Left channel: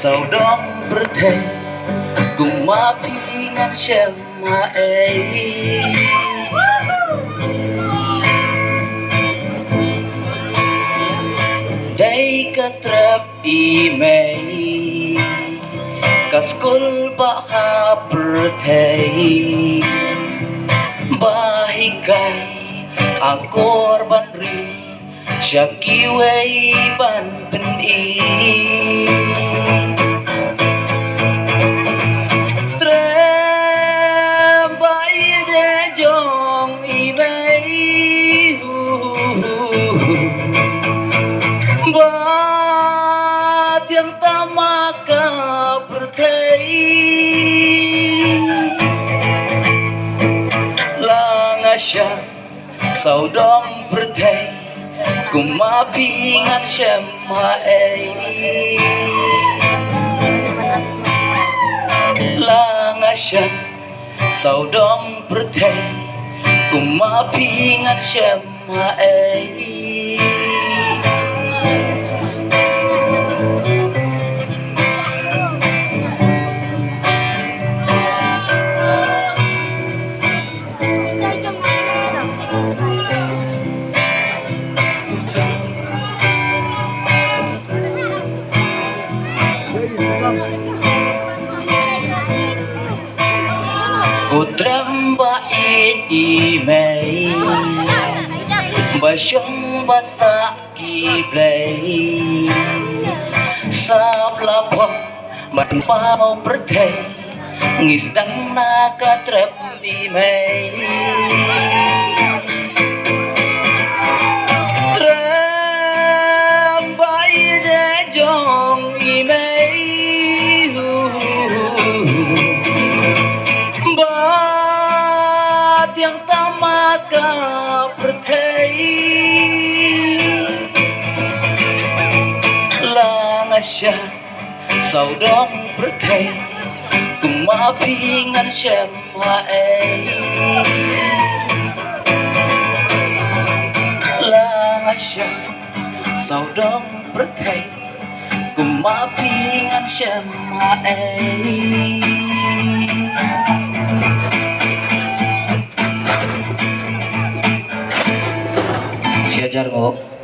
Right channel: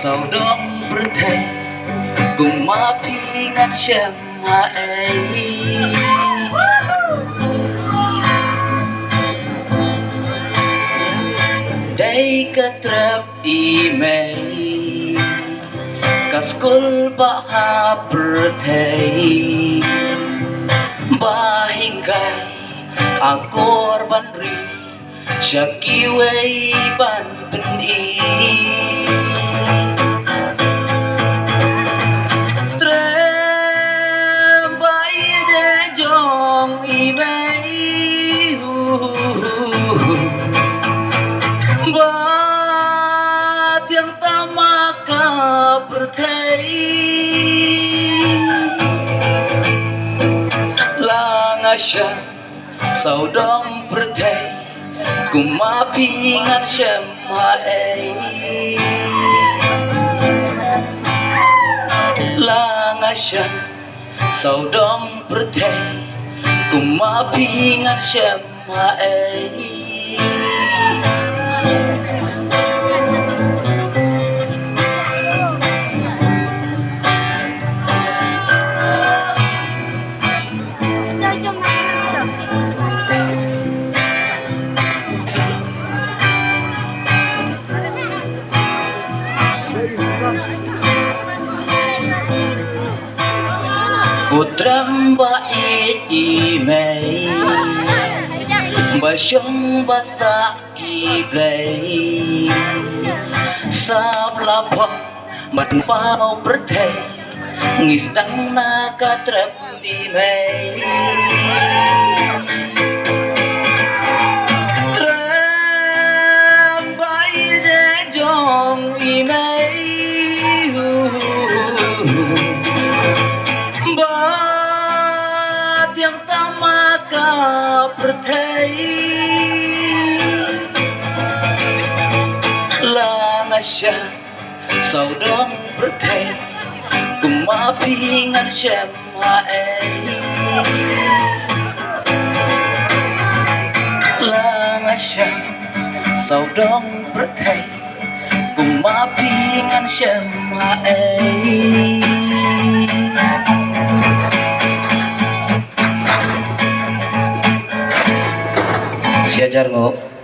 sau đó bớt thề cùng má phi ngăn xem mà ấy đây ka trap email ka school ba ha berthei bahikai akor banri syakiwai ban peni trem bai de jong email ba tiếng tama ka berthei lang asya sau dom berthei cùng má phi ngăn xem mà ấy lang asya sau dom berthei cùng má phi ngăn xem mà ấy Utram ba email ba shong ba sa ki play sap la pom man pao berthei ngis dang na ka trap email tram ba de jong email tiếng tama ka berthei lang asya sau đó berthei cùng má phi ngăn xem mà ấy lang asya sau đó berthei cùng má phi ngăn xem mà ấy Siajar kok